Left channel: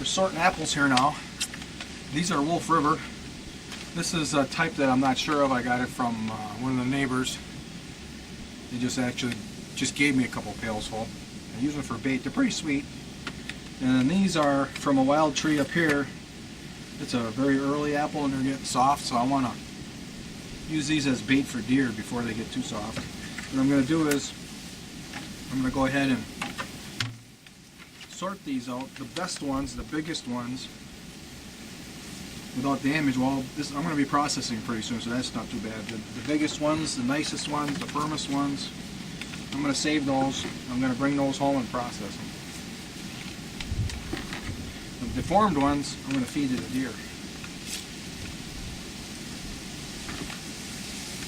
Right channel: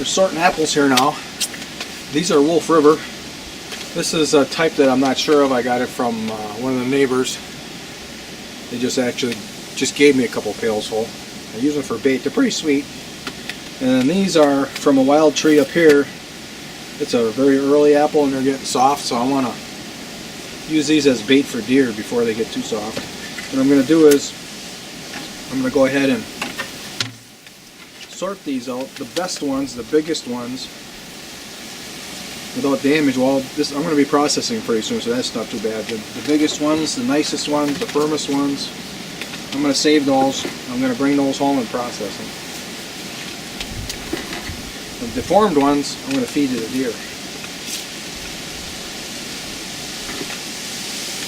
We're sorting apples here now. These are Wolf River. This is a type that I'm not sure of. I got it from one of the neighbors. They just gave me a couple pails full. I use them for bait. They're pretty sweet. And then these are from a wild tree up here. It's a very early apple and they're getting soft, so I want to use these as bait for deer before they get too soft. What I'm going to do is I'm going to go ahead and sort these out. The best ones, the biggest ones, without damage. Well, this I'm going to be processing pretty soon, so that's not too bad. The biggest ones, the nicest ones, the firmest ones, I'm going to save those. I'm going to bring those home and process them. The deformed ones, I'm going to feed to the deer.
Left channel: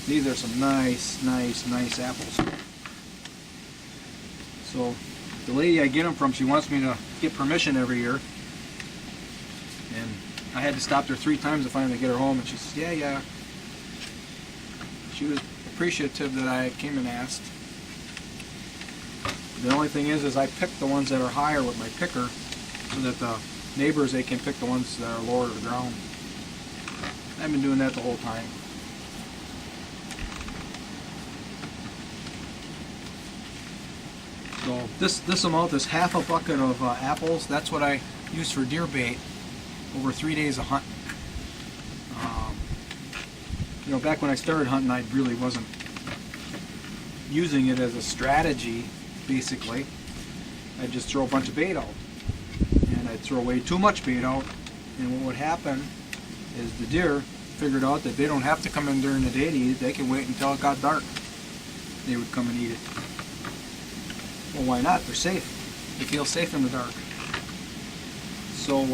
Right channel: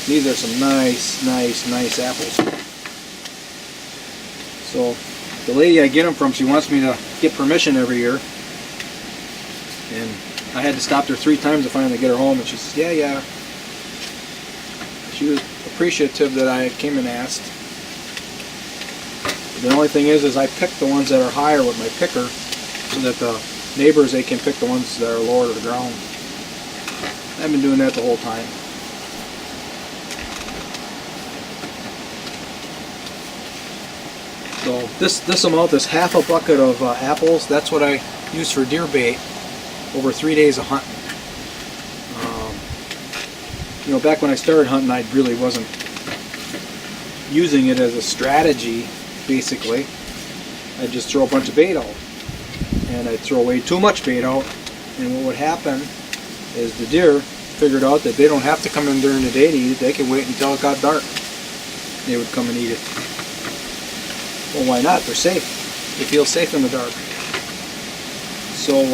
These are some nice apples. So the lady I get them from, she wants me to get permission every year. And I had to stop her 3 times to finally get her home, and she says, yeah. She was appreciative that I came and asked. The only thing is I pick the ones that are higher with my picker so that the neighbors, they can pick the ones that are lower to the ground. I've been doing that the whole time. So this amount, this half a bucket of apples, that's what I use for deer bait over 3 days of hunting. You know, back when I started hunting, I really wasn't using it as a strategy, basically. I'd just throw a bunch of bait out. And I'd throw way too much bait out. And what would happen is the deer figured out that they don't have to come in during the day to eat it. They can wait until it got dark. They would come and eat it. Well, why not? They're safe. They feel safe in the dark. So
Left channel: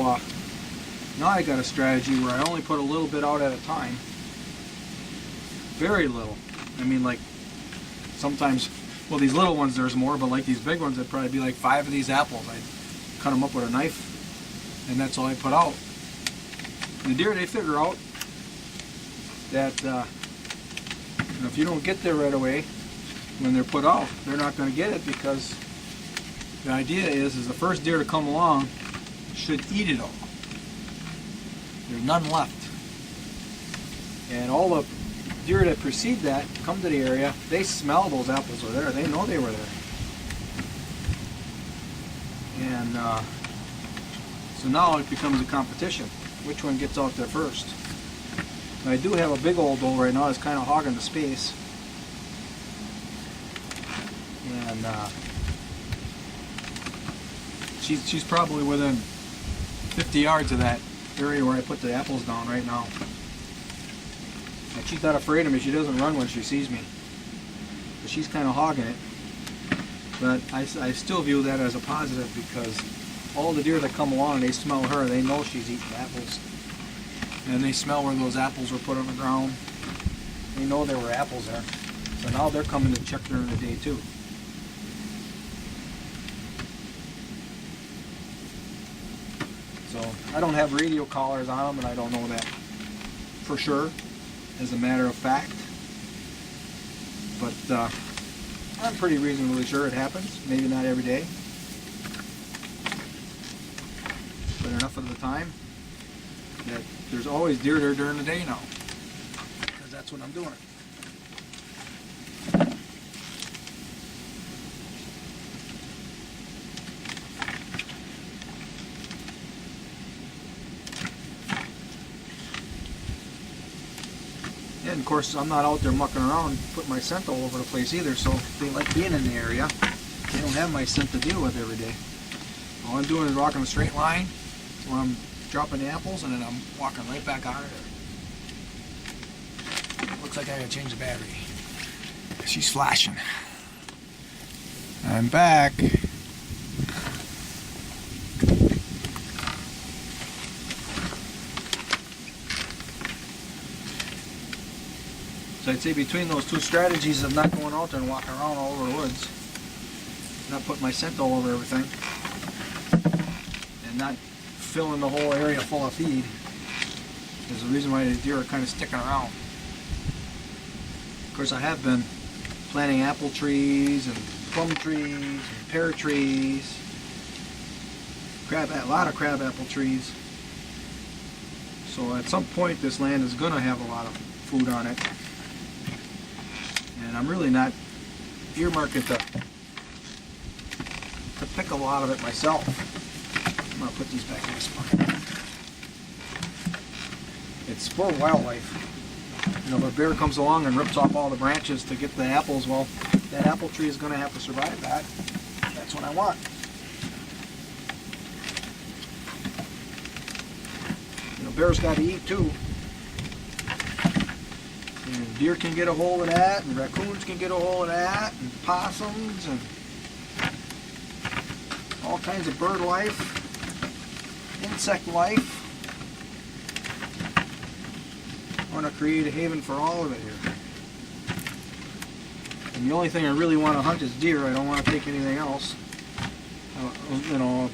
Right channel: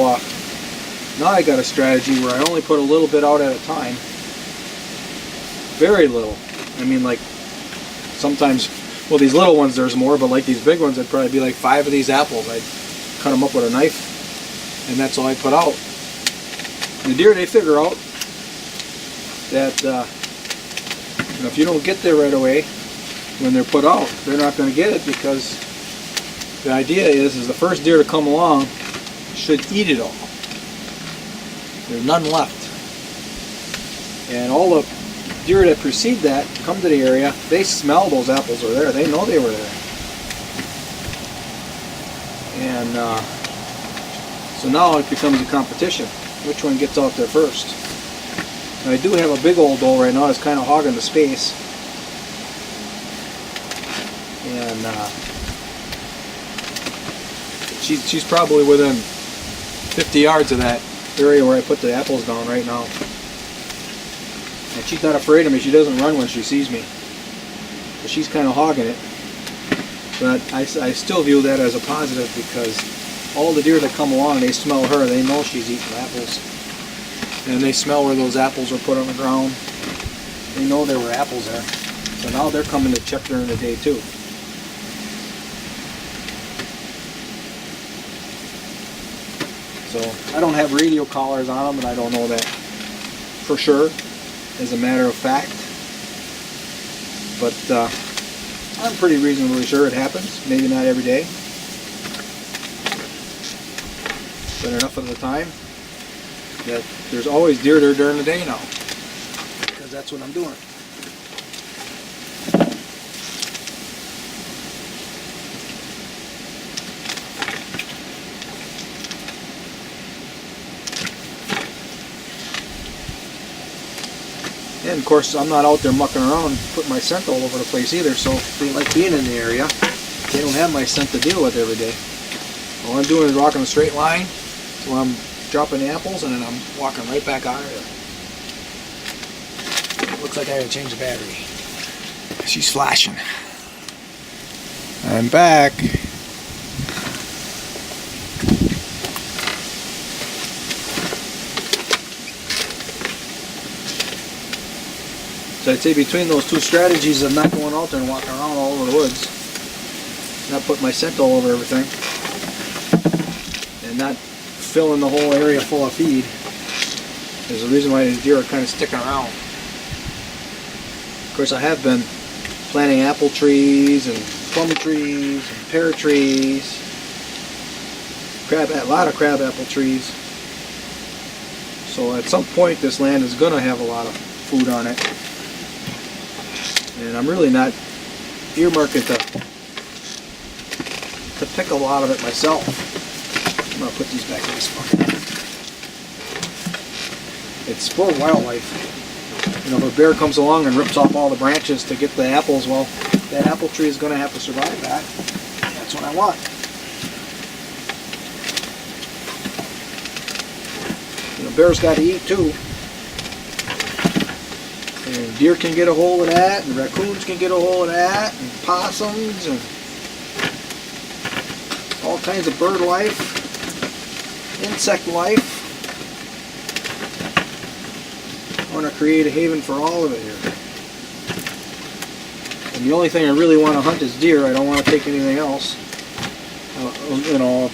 now I got a strategy where I only put a little bit out at a time. Very little. I mean, like sometimes, well, these little ones there's more, but like these big ones, it'd probably be like 5 of these apples. I'd cut them up with a knife, and that's all I put out. The deer, they figure out that you know, if you don't get there right away when they're put out, they're not going to get it, because the idea is the first deer to come along should eat it all. There's none left. And all the deer that precede that come to the area, they smell those apples are there. They know they were there. And so now it becomes a competition. Which one gets out there first? And I do have a big old doe right now. It's kind of hogging the space. And she's probably within 50 yards of that area where I put the apples down right now. And she's not afraid of me. She doesn't run when she sees me. But she's kind of hogging it. But I still view that as a positive, because all the deer that come along, they smell her. They know she's eating apples. And they smell where those apples were put on the ground. They know there were apples there. So now they're coming to check during the day too. So I don't have radio collars on them, and I don't know that for sure, as a matter of fact. But I'm pretty reasonably sure it happens. Maybe not every day, but enough of the time that there's always deer there during the day now, because that's what I'm doing. And of course, I'm not out there mucking around, putting my scent all over the place either, so if they like being in the area, they don't have my scent to deal with every day. All I'm doing is walking a straight line till I'm dropping the apples, and then I'm walking right back out of there. Looks like I gotta change the battery. She's flashing. I'm back. So I'd say between those two strategies of not going out there and walking around all over the woods, not putting my scent all over everything, and not filling the whole area full of feed, is the reason why the deer are kind of sticking around. Of course, I have been planting apple trees and plum trees and pear trees a lot of crabapple trees. So at some point this land is going to have a lot of food on it. And I'm really not earmarking to pick a lot of it myself. I'm going to put these back in this bucket. It's for wildlife. You know, if a bear comes along and rips off all the branches to get the apples, well, that apple tree is going to have to survive that. That's what I want. You know, bears got to eat too. And deer can get a hold of that, and raccoons can get a hold of that, and possums, and all kinds of bird life, insect life. I want to create a haven for all of it here. And the only thing I really want to hunt is deer. I don't want to take anything else. You know,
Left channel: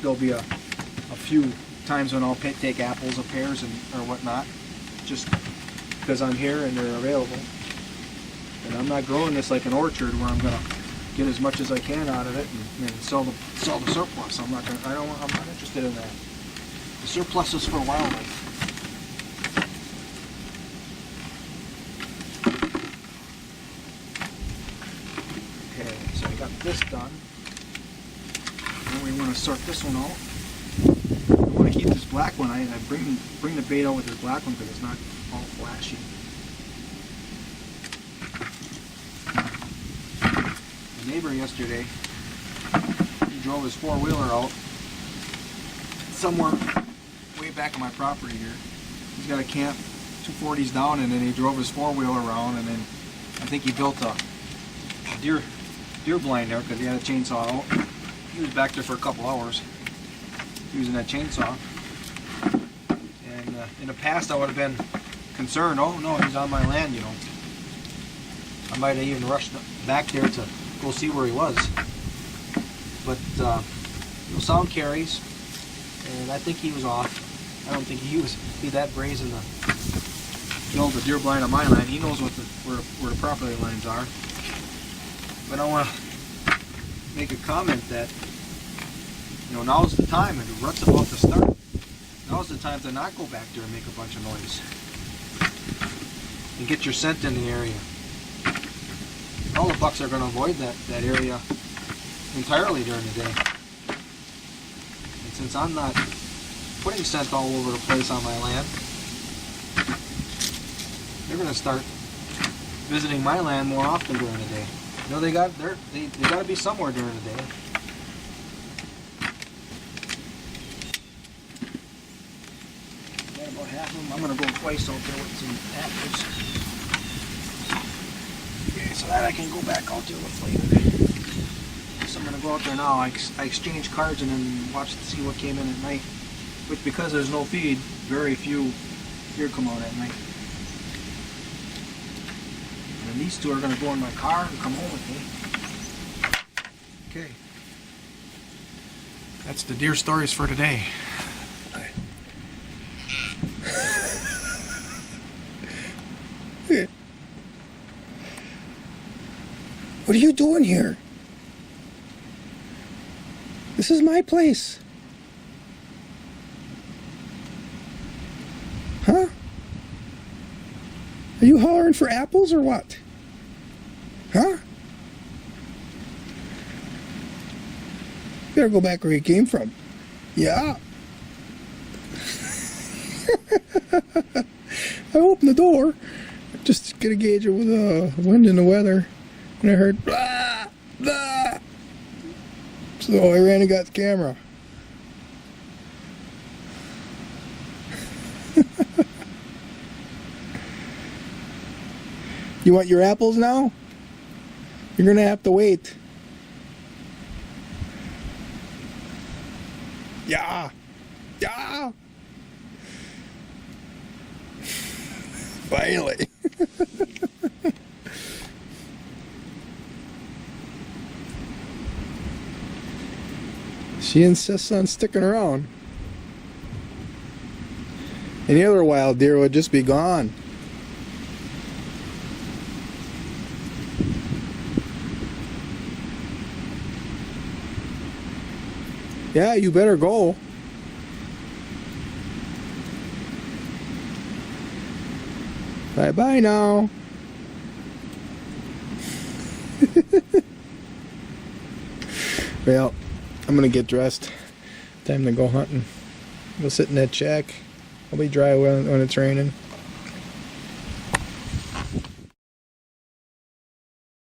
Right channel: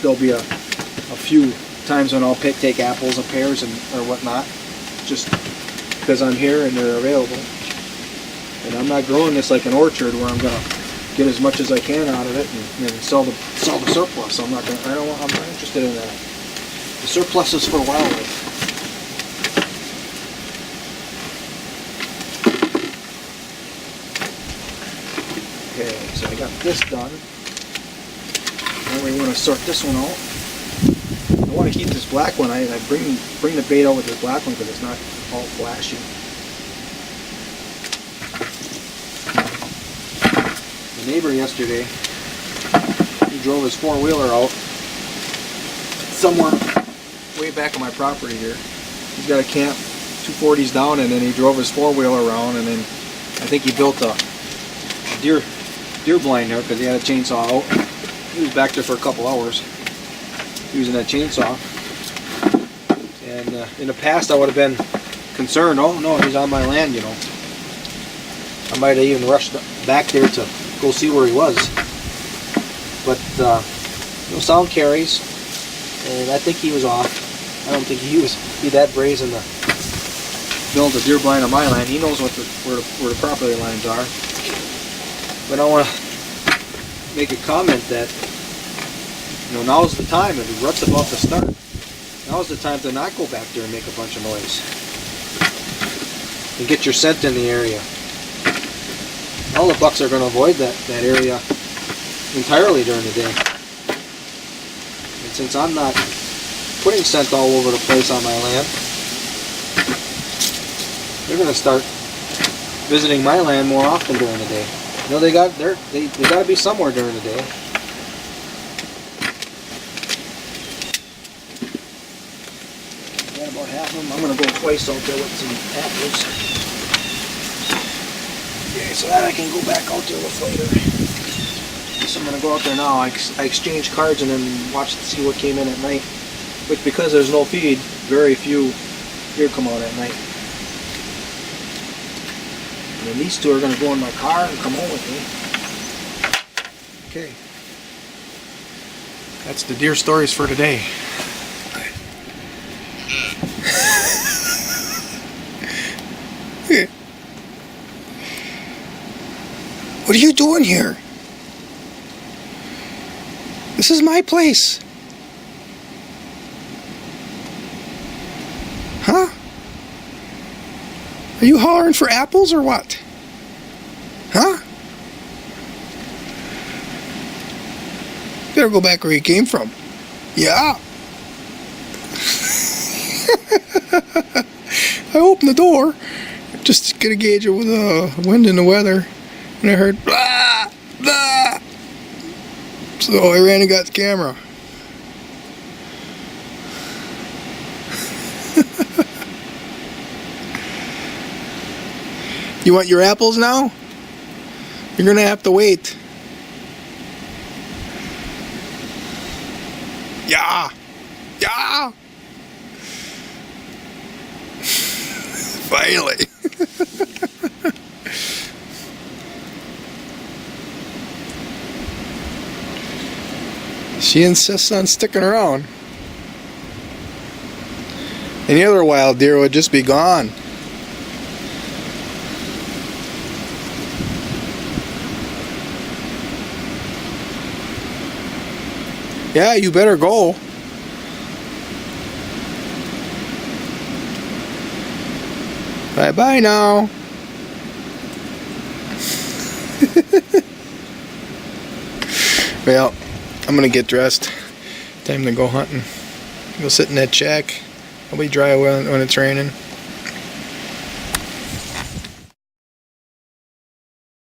there'll be a few times when I'll take apples and pears and or whatnot, just because I'm here and they're available. And I'm not growing this like an orchard where I'm gonna get as much as I can out of it and sell the surplus. I'm not interested in that. The surplus is for wildlife. Okay, so I got this done. Now we want to sort this one out. I want to keep this black one. I bring the bait out with this black one because it's not all flashy. The neighbor yesterday, he drove his four-wheeler out somewhere way back on my property here. He's got a camp 240s down, and then he drove his four-wheeler around, and then I think he built a deer blind there because he had a chainsaw out. He was back there for a couple hours using that chainsaw. And in the past I would have been concerned, oh no, he's on my land, you know. I might have even rushed back there to go see where he was. But you know, sound carries, and I think he was off. I don't think he be that brazen to build a deer blind on my land. He knows where the property lines are. But I want to make a comment that, you know, now's the time, and the rut's about to start. Now's the time to not go back there and make a bunch of noise. And get your scent in the area. All the bucks are going to avoid that area entirely during the day. And since I'm not putting scent all over the place on my land, they're going to start visiting my land more often during the day. You know, they got to be somewhere during the day. Got about half of them. I'm going to go twice out there with some apples. Okay, so that I can go back out there with later. So I'm going to go out there now. I exchange cards and then watch to see what came in at night. Which, because there's no feed, very few deer come out at night. And then these two are going to go in my car and come home with me. Okay. That's the deer stories for today. What are you doing here? This is my place. Huh? Are you hollering for apples or what? Huh? Better go back where you came from. Yeah. I opened the door just to get a gauge of the wind and the weather, and I heard blah, blah. So I ran and got the camera. You want your apples now? You're gonna have to wait. Yeah. Yeah. Finally. She insists on sticking around. Any other wild deer would just be gone. Yeah, you better go. Bye-bye now. Well, I'm gonna get dressed. Time to go hunting. Go sit in that shack. It'll be dry when it's raining.